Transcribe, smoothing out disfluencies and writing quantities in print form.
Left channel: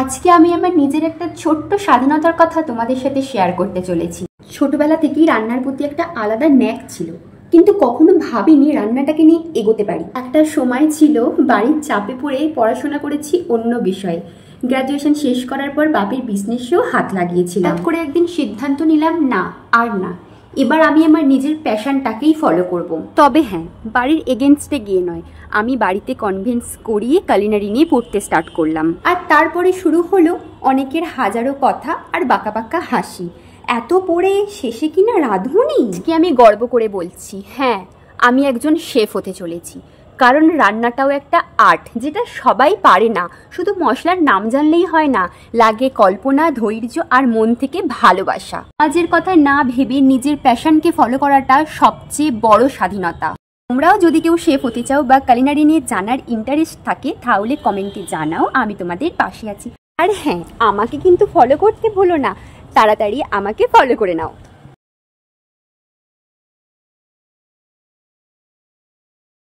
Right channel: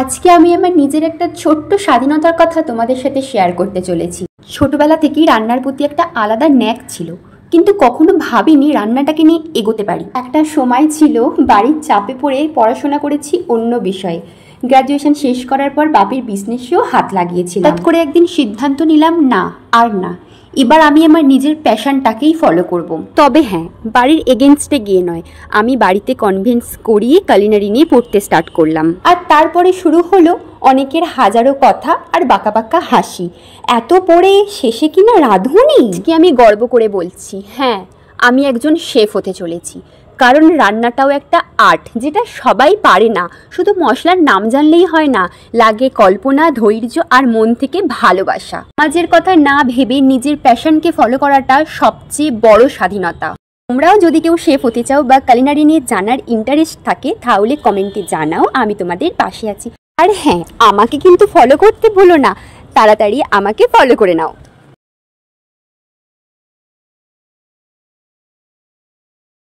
আজকে আমি আমার নিজের একটা ছোট্ট স্বাধীনতার কথা তোমাদের সাথে শেয়ার করতে চলেছি। ছোটবেলা থেকেই রান্নার প্রতি একটা আলাদা ন্যাক ছিল, কিন্তু কখনো ভাবিনি রান্নাটাকে নিয়ে এগোতে পারি। একটা সময় ছিল বাড়ির চাপে পড়ে পড়াশোনা করেছি অন্য বিষয়ে। গ্র্যাজুয়েশন শেষ করার পর বাপির বিজনেসেও হাত লাগিয়েছিলাম। হঠাৎ করে একদিন সিদ্ধান্ত নিলাম, না আর না, এবার আমি আমার নিজের প্যাশনটাকেই ফলো করব। তবে হ্যাঁ, বাড়ির এগেনস্টে গিয়ে নয়, আমি বাড়িতে কনভিন্স করিয়ে কুলিনারি নিয়ে পড়তে স্টার্ট করলাম। আর তারপরে শুরু হলো অনেকের হাজারো কথা আর বাঁকা বাঁকা হাসি। এত পড়ে শেষে কিনা রাঁধুনি। কি আমি গর্ব করে বলছি, হ্যাঁ আমি একজন শেফ হতে চলেছি। কারণ রান্নাটাও একটা আর্ট, যেটা সবাই পারে না। শুধু মশলার নাম জানলেই হয় না, লাগে কল্পনা, ধৈর্য আর মন থেকে ভালোবাসা। সমাজের কথা না ভেবে নিজের প্যাশনকে ফলো করাটা সবচেয়ে বড় স্বাধীনতা। তোমরাও যদি কেউ শেফ হতে চাও বা কুলিনারি নিয়ে জানার ইন্টারেস্ট থাকে, তাহলে কমেন্টে জানাও, আমি তোমাদের পাশে আছি। আর হ্যাঁ, আমাকে কিন্তু ফলো করতে ভুলো না, তাড়াতাড়ি আমাকে ফলো করে নাও।